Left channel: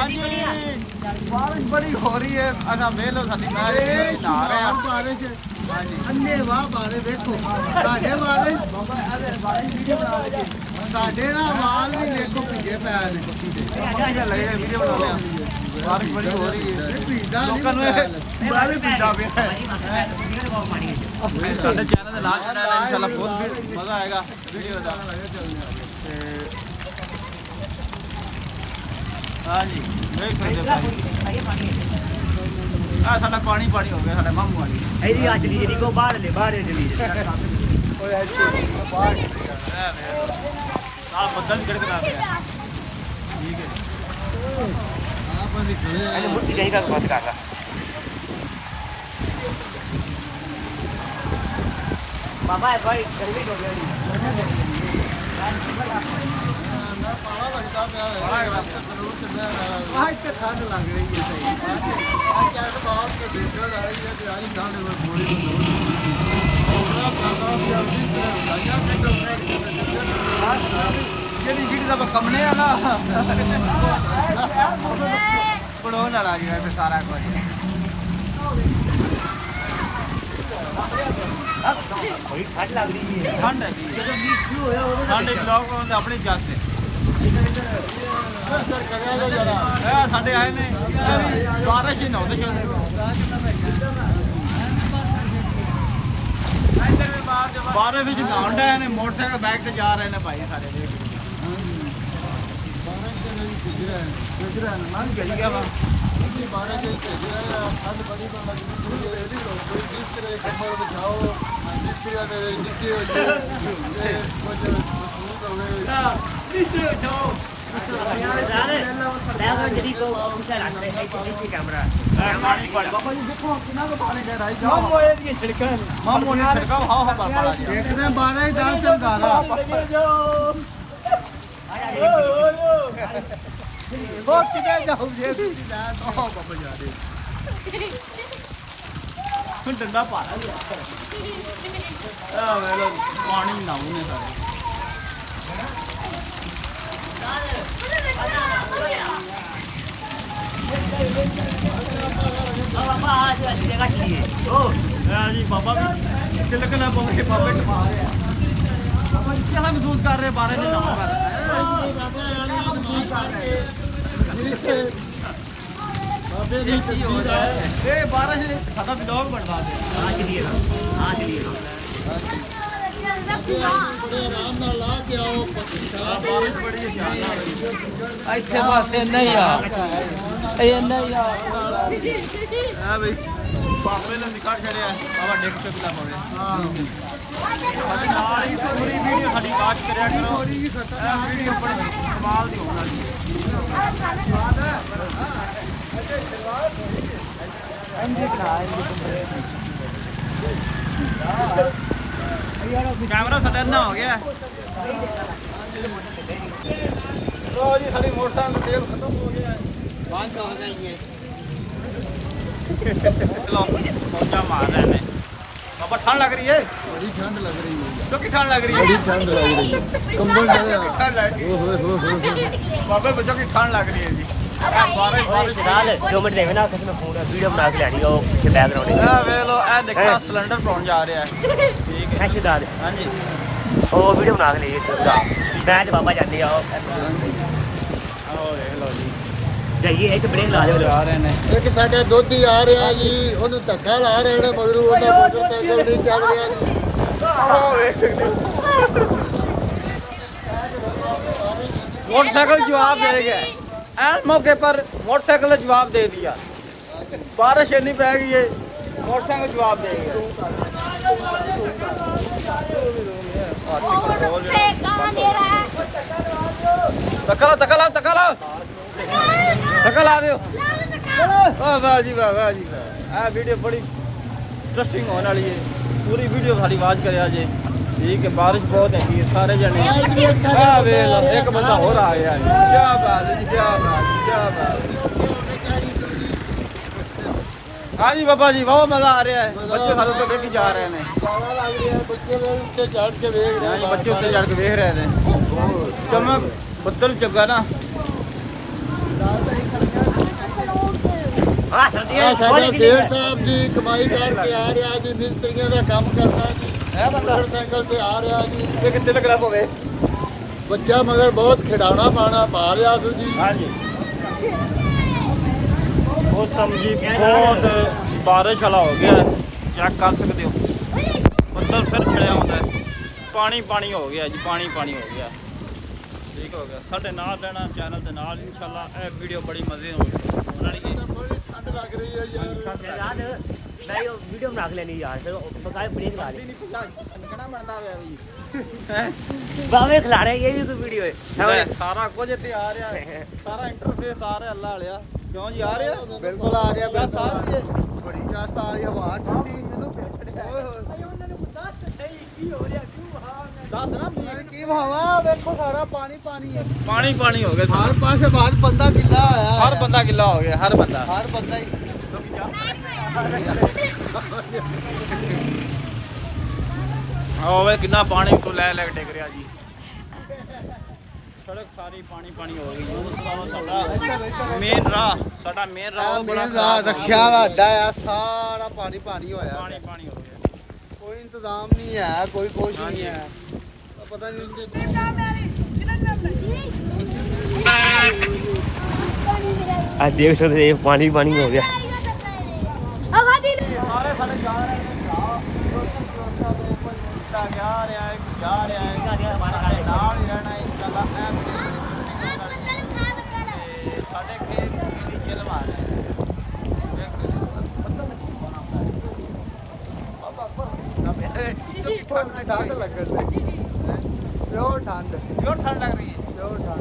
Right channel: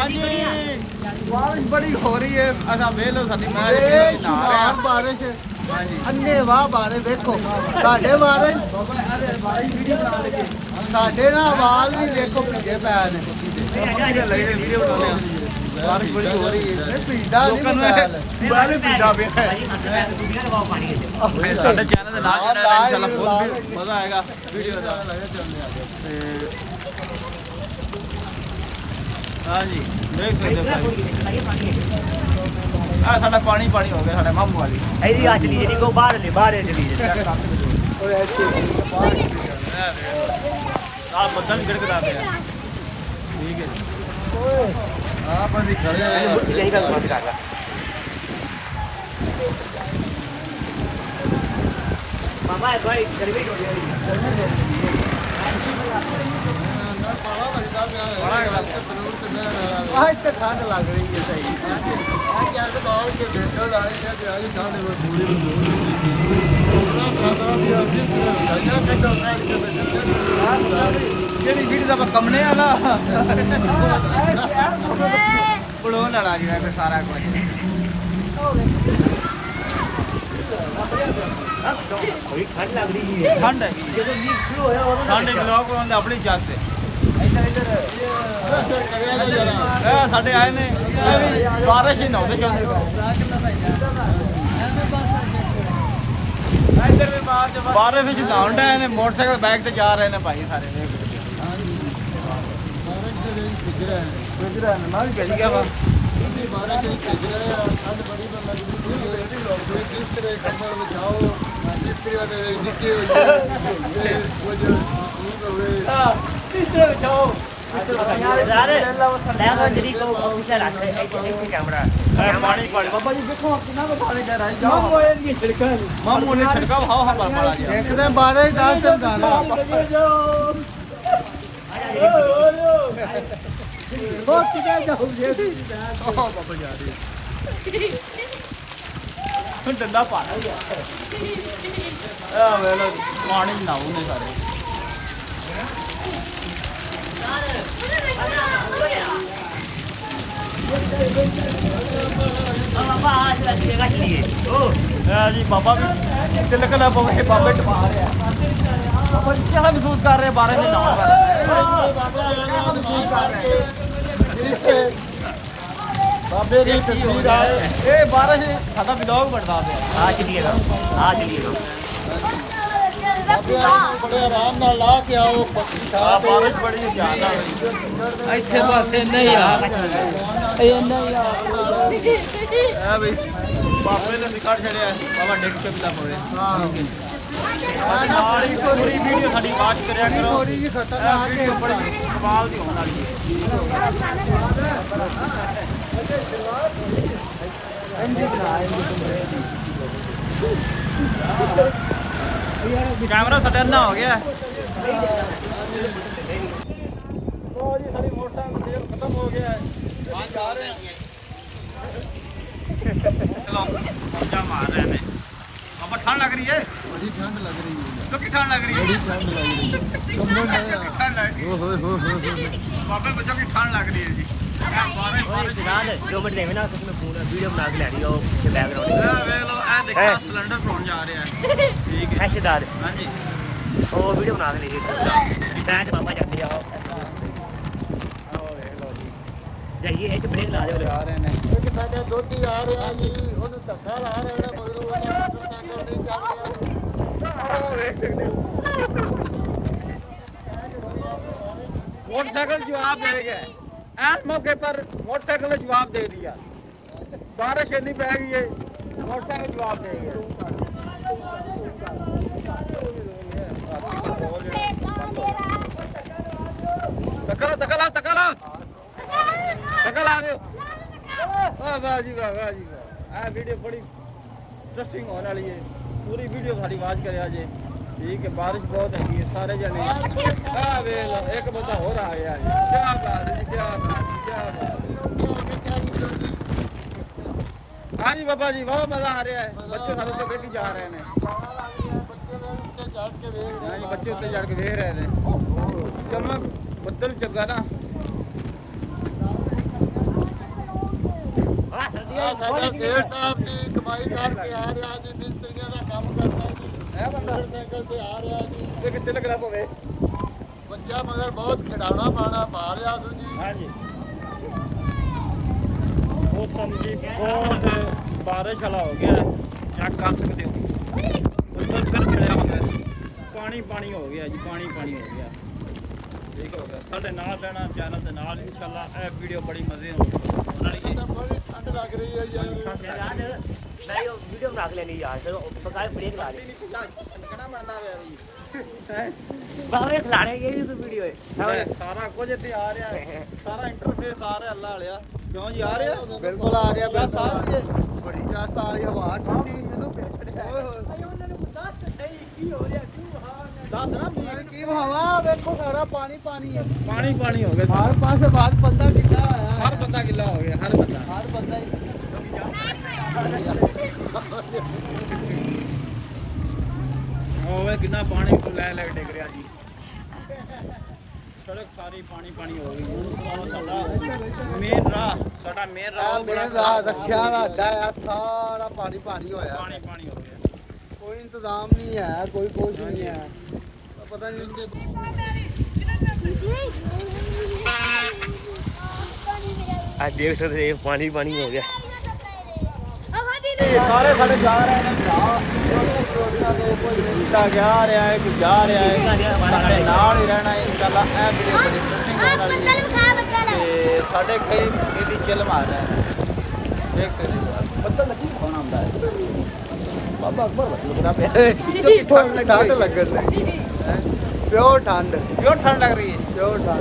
ਹਾਂਜੀ ਬਾਰਿਸ਼ ਬੜੀ ਹੋ ਰਹੀ ਹੈ। ਅਸਾਂ ਵੇਖ ਲਓ ਸਾਡੀ ਮੈਚ ਨਹਾ ਰਹੇ ਹਾਂ। ਬਾਰਿਸ਼ ਹਾਂਜੀ ਅੰਨੇ ਵਾਹ ਬਾਰਿਸ਼ ਵੇਖੋ ਸਾਡੇ ਬਾਰਿਸ਼ ਬਾਬਾ ਇਹਦੇ ਬਾਰਿਸ਼ ਵੀਡੀਓ ਬਣਾ ਲਈਏ। ਸਾਡੇ ਨਾਲ ਵਾਲ ਵੀ ਦੇਖੋ ਭਿੱਜੇ ਪੈ ਨੇ ਕੁੱਤੀ ਦੇ ਮੰਮੀ ਗੱਲ ਲੱਗੇ ਵੀਡੀਓ ਬਣਾਉਂਦੇ ਆ। ਬਾਰਿਸ਼ ਬੜੀ ਹੋ ਰਹੀ ਹੈ ਲੋਕਾਂ ਨੂੰ ਬਾਹਰ ਪੀਂਦਾ ਪਿਆ ਹੈ। ਸਾਡੇ ਚੈਨਲ ਦੇ ਨਾਲ ਜੁੜਨਾ ਇਨਸ਼ਾਅੱਲਾ ਫੁੱਲ ਵੀ ਮਜ਼ਾ ਆਏਗਾ ਵੀਡੀਓ ਦਾ। ਤੇ ਹਾਂਜੀ ਦੇਖ ਸਕਦੇ ਹੋ ਭਾਈ ਆ ਸਾਡਾ ਪਾਣੀ ਪਾਣੀ ਹੋ ਗਿਆ ਸਾਡੇ ਮਾਮੂ ਵਾਲੀ ਇਹਦੀ ਆ ਚਲੀ ਜਿਹੜੀ ਕੋ ਬਾਹਰ ਚਲੀ ਚੈੱਕ ਕਰ ਸਕਦੇ ਹੋ। ਇਹ ਵੇਖ ਲਓ ਨਾਲ ਬੱਦਲ ਵੀ ਗੜਗਦਾ ਪਿਆ। ਠੀਕ ਹੈ ਜੀ ਆਪ ਅਸੀਂ ਖੜੇ ਆ ਇਹੀ ਗੱਲ ਮਤ ਕਰ ਲਾ ਬਾਬਾ ਭਾਈ ਗਰਮੀ ਹੋ ਗਈ ਨਾ ਪਾਲਾ ਲੱਗਦਾ ਪਿਆ ਹੈ ਪਾਲਾ ਲੱਗਦਾ ਪਿਆ। ਜ਼ਰੂਰ ਤੇ ਮੈਂ ਵਾਲਾ ਅੱਜ ਤਾਂ ਠੰਡ ਲੱਗ ਰਹੀ ਹੈ ਸਹੀ ਅੱਜ ਯਾਰ ਬਾਹਰ ਕੇ ਦੇਖੋ ਲਾੜੇ ਕਿ ਅੱਜ ਠੰਡ ਵਿੱਚ ਪੂਰੀ ਨੂੰ ਦੋ ਕੋਕਰਾ ਸਾਦਾ ਵੀ ਆ ਜਿਸ ਤਰ੍ਹਾਂ ਗਾਇਆ ਕੱਢੋ ਕਾੜ ਕੇ ਜਿਹੜੀ ਵੀਡੀਓ ਦਾ ਆਪਾਂ ਕੰਮਣੇ ਆ ਨਾ ਬਣਾਉਣ ਵਾਲਾ ਜਿਹੜਾ ਫਿਰ ਸਾਰਾ ਕੁਝ ਕੋਈ ਠੰਡ ਲੱਗ ਰਹੀ ਹੈ ਠੰਡ ਹੈ ਠੰਡ ਬਲੌਗ ਬਣਾਉਂਦੇ ਆਪਣੀ ਜੱਸ ਸੇ ਕਰਿਆ ਲੋ ਜਰਾ ਇਹ ਸਾਡੇ ਆਏ ਨੇ ਇਹ ਵੀ ਬਾਰਿਸ਼ ਹੀ ਨਹਾਉਂਦੇ ਚਾਹੁੰਦੇ ਇੱਧਰ ਵੀ ਬਾਰਿਸ਼ ਵਿੱਚ ਨਹਾਉਣ ਡਏ ਨੇ ਮੋਟਰਸਾਈਕਲ ਬਾਈਕ ਤੇ ਜਾ ਰਹੇ ਨੇ ਭਾਈ ਸਾਰੇ ਵੇਖ ਸਕਦੇ ਬਾਰਿਸ਼ ਦੇ ਵਿੱਚ ਭਿੱਜ ਰਹੇ ਨੇ ਗੁਜਰਾ ਨੇ ਨਾਲ ਭੇਜ ਗਿਆ ਵਾ ਅਸੀਂ ਬਾਰਿਸ਼ ਦੇ ਵਿੱਚ ਭਿੱਜ ਰਹੇ ਆ ਠੰਡ ਬੜੀ ਲੱਗਦੀ ਪਈ ਹੈ ਕੋਈ ਬਿਸਤਰੇ ਕੰਬਲ ਵਿਛਾਓ ਬਿਸਤਰੇ ਦੇ ਨਿੱਕੇ ਹੋਈਏ ਕੁਝ ਮਹਿਸੂਸ ਹੋਵੇ ਕਿੱਥੇ ਬਚਾਓ ਪਾਣੀ ਬਾਬਾ ਜੀ ਦੇਖੋ ਕਿੰਨਾ ਕੋ ਪਾਣੀ ਦੇ ਰਹਾ ਜਾਓ ਮਾਮੂ ਨੇ ਛੜਕਾਓ ਹਾਓ ਹਾ ਪਾਲਾ ਗਿਆ ਦੇਖਦੇ ਬਾਰਿਸ਼ ਦਾ ਸੰਗਾਨਾ ਸੋਚ ਕੇ ਜਾਓਗੇ ਬਾਬਾ ਜਾ ਰਹੇ ਹੁਣ ਡੰਡਾ ਭਾਰਾ ਗਿਆ ਆ ਵੇਲੋ ਪਾਣੀ ਨਾਉ ਨੇ ਸਾਰੇ ਬਾਬਾ ਆ ਜਗ੍ਹਾ ਚਲੀਏ ਓ ਜੀ ਬਾਬਾ ਵੀ ਤਿਲਕਣਾ ਪਵੇ ਬਾਬੇ ਟਪਾ ਰਿਹਾ ਬਾਬਾ ਜੀ ਕਿਹੜਾ ਮਹਿਸੂਸ ਕਰ ਰਹੇ ਬਾਰੇ ਨੇ ਨਾਉਣ ਬਾਰੇ ਕਿਹੜਾ ਮਹਿਸੂਸ ਕਰ ਰਹੇ ਬਾਬੇ ਇਹ ਕੀ ਹੋ ਰਿਹਾ ਹੈ ਇਹ ਬਾਰਿਸ਼ ਸਾਡਾ ਵਲੌਗ ਬਣਦਾ ਪਿਆ ਆ ਚਲੀਏ ਬਾਬੇ ਨੂੰ ਬੜੇ ਆਰਾਮ ਨਾਲ ਲਾ ਕੇ ਆਓ ਪੱਕੀ ਆ ਥਾਂ ਬਾਰਿਸ਼ ਬੜੀ ਜ਼ਿਆਦਾ ਹੋਈ ਇੱਥੇ ਬਸ ਇੰਨਾ ਹੀ ਆ ਆ ਬਈ ਬਾਬੇ ਨੇ ਸਿੱਖੜ ਛੜਿਆ ਬਾਬਾ ਡਿੱਗ ਕੇ ਪਿਲਾ ਪਵੇ ਬਸ ਨਾਲ ਹੀ ਪੂਰੀ ਵੀਡੀਓ ਸਾਡੀ ਵਾਚ ਕਰਿਆ ਕਰੋ ਇਹ ਵੀਡੀਓ ਬੜੀ ਕਮਾਲ ਦੀ ਹੋਣ ਵਾਲੀ ਹੈ ਠੀਕ ਹੋ ਗਿਆ कैमरा सटरना हो गया लो जी सारी मोटरसाइकिल तेल खत्म हो गया है बंद हो गई है चलो मौजा मार रहे हैं बाबा ठंड लग रही है बड़ी ठंड लग रही है यार तो की ठंड लग रही है बड़ी ठंड लग रही है कंबल डाले ठंड लग रही हो बाबे बच्चों की ठंड लग रही है जी बारिश बारिश जो मिनट लेवे ना उसमें पूरा वीडियो बना के लेनी वो बैग रोने वे लो ए देखा सिलेंडर कौन जा रहा है ठीक है रिश्तेदार हाँ जी ਉਹ ਵੀਡੀਓ ਬਣਾ ਕੇ ਲਈ ਗਾਂ ਚ ਬਾਬਾ ਜਾਂਦੇ ਆ आओ देख लो जी ਜਾਈਏ ਇੱਕ ਬ੍ਰੇਨ ਲਾ जा रहे हैं ਇੱਕ ਸਾਡੇ ਦੋਧੀ ਆ ਰਿਹਾ ਜੀ ਉਹਨੂੰ ਧੱਕਾ ਲਾ ਰਹੇ ਨੇ ਮਗਰੂ ਉਹਦਾ ਮੋਟਰਸਾਈਕਲ ਨਹੀਂ ਚੱਲ ਰਿਹਾ ਜੀ मोटरसाइकिल जवाब दे गया एन मौके पर मोटरसाइकिल ने जवाब दे दिया बारिश इतनी पै गई है मोटरसाइकिल जवाब दे गया धक्का ला दो वाह जी वाह जी वाह वीडियो बड़ी इंटरेस्टिंग होने वाली है पूरी वीडियो सारी आवाज करे जे ठीक है बारिश बहुत है सारे जने एक बंदा हो रहा है क्या बात है क्या बात क्या बात हाँ जी बाबा जी बहुत मजा आ रहा है बच्चे सारे तो देख जा रहे हैं बच्चे उत्ते चढ़ के देख रहे हैं बच्चे उत्ते चढ़ के देख रहे हैं चमक बदल चुका ना ਆ ਸਾਡਾ ਸ਼ੇਰ ਸਾਹਿਬ ਜੀ ਕਮਾਈ ਕਰਕੇ ਆ ਰਿਹਾ ਜੀ, ਮਿਸਤਰੀਆਂ ਦਾ ਕੰਮ ਕਰਦਾ ਜੀ, ਇਹ ਬੰਦਾ ਮੋਟਰਸਾਈਕਲ ਤੇ ਆ ਰਿਹਾ ਜੀ। ਇਹ ਕਿੱਥੇ ਲੱਗਣਾ ਪਵੇ। ਬੱਚਾ ਮਗਰ ਬਹੁਤ ਖਿਡਾਉਣਾ ਪਾਣਾ ਪਾ ਲਿਆ ਤੂੰ ਜੀ। ਹਾਂਜੀ ਮੌਸਮ ਜੀ ਬਹੁਤ ਬਾਰਿਸ਼ ਵਾਲਾ ਹੋ ਗਿਆ, ਚੈੱਕ ਕਰ ਸਕਦੇ ਹੋ। ਬੱਦਲ ਸਿਰ ਛੜਿਆ ਹੁੰਦਾ ਹੈ, ਪਾਣੀ ਪਾਣੀ ਹੋ ਗਿਆ ਜੀ, ਪਾਣੀ ਪਾਣੀ ਹੋ ਗਿਆ। ਠੀਕ ਹੋ ਗਿਆ, ਸਾਡੇ ਨਾਲ ਰਹਿਣਾ ਚੈਨਲ ਦੇ ਨਾਲ, ਇਨਸ਼ਾਅੱਲਾ ਇਹ ਵੀਡੀਓ ਬੜੀ ਮਜ਼ੇ ਨਾਲ ਬਣਾਣੀ ਹੈ। ਬੜੀ ਠੰਡ ਲੱਗ ਰਹੀ ਹੈ ਯਾਰ। ਵੀਡੀਓ ਬਣਾ ਲੈਣੀ ਯਾਰ, ਤੇ ਬਕਾਇ ਬ੍ਰੇਕ ਲਾ ਦੇ। ਬਾਵੇਂ ਖਿਲਾ ਰਹੇ ਇਹ ਵੀ ਕੋਈ ਵੀਡੀਓ ਹੈ। ਸਾਰਾ ਕੁਝ ਇੱਥੇ ਆ ਰਿਹਾ ਹੈ, ਸਾਰਾ ਇੰਟਰਫੇਸ ਆ ਰਿਹਾ, ਅੱਲਾ ਵਾਲਿਆ ਕਿਉਂ ਜੀ ਆ ਰਿਹਾ? ਬਿਲਕੁਲ ਆ ਰਿਹਾ, ਬਸ ਆ ਰਹੀ ਹੈ। ਬੜੀ ਜੱਸ ਆ ਰਹੀ ਹਵਾ ਠੰਡੀ। ਓਏ ਹੋਏ ਦੱਸ ਨਾ ਮੇਰੇ ਕੀ ਹਵਾ ਵੇਖੋ, ਸਾਰਾ ਪਾਣੀ ਪਾਣੀ ਹੈ। ਪਾਣੀ ਪਾਣੀ ਹੋ ਗਿਆ ਹਰ ਸਾਰਾ। ਪਾਸੇ ਬਾਅਦ ਬੰਦਾ ਗਿੱਲਾ ਆਇਆ। ਹਰ ਬੰਦਾ ਗਿੱਲਾ ਹੋ ਗਿਆ, ਹਰ ਬੰਦਾ। ਹਰ ਬੰਦਾ ਹੀ ਓਏ ਕਿੰਨਾ ਪਾਣੀ ਤੋਂ ਲੈ ਲੈ ਕੇ ਡਿੱਗ ਰਿਹਾ ਜੀ। ਸੜਕ ਸਾਰੀ ਪਾਣੀ ਪਾਣੀ ਹੋ ਗਈ। ਮੇਨ ਰਾਹ, ਸਾਡਾ ਮੇਨ ਰਾਹ ਉਹ ਬੜਾ ਖਰਾਬ ਰਕਸ਼ਾ ਦਾ ਅੱਡਾ ਆ, ਸਾਰਾ ਪਾਣੀ ਪਾਣੀ ਹੋਇਆ। ਪਾਣੀ ਪਾਣੀ ਹੋ ਗਿਆ। ਕੋਈ ਇੰਤਜ਼ਾਮ ਨਹੀਂ ਹੈ, ਕੋਈ ਕੁਛ ਨਹੀਂ ਹੈ। ਪਤਾ ਨਹੀਂ ਆ ਦੇਖ ਸਕਦੇ ਇਹ ਪਾਣੀ ਪਾਣੀ ਹੋ ਗਿਆ। ਸਾਰੇ ਸਾਡੇ ਜਾ ਰਹੇ ਨੇ ਭਰਾ, ਛੋਟੀਆਂ ਦੇ ਕੋਈ ਮੁੰਡਾ ਗਿਆ ਰਿਹਾ ਹੈ, ਕੋਈ ਜਾ ਰਿਹਾ ਹੈ। ਸਾਡੇ ਨਾਲ ਹੀ ਰਹਿਣਾ ਹੈ ਇਨਸ਼ਾਅੱਲਾ। ਇਹ ਵੀਡੀਓ ਬੜੀ ਇੰਟਰਸਟਿੰਗ ਹੋਣ ਵਾਲੀ ਹੈ ਤੇ ਸਾਡੇ ਕਈ ਇਹਦੀ ਚਿਲ ਮਾਰ ਰਹੇ ਨੇ, ਦੇਖ ਸਕਦੇ ਹੋ। ਬੱਦਲ ਲੱਗੀ ਕੌਣ ਆਉਂਦਾ ਹੈ? ਬਾਬਾ ਅਕਬਰ ਲੱਗਦਾ ਪਿਆ ਕਿਉਂਕਿ ਠੰਡ ਠੰਡ ਲੱਗਣ ਲੱਗੀ। ਪਿਓ ਠੰਡ ਕਿਉਂ ਠੰਡ ਲੱਗ ਰਹੀ ਹੈ? ਪਿਓ ਠੰਡ।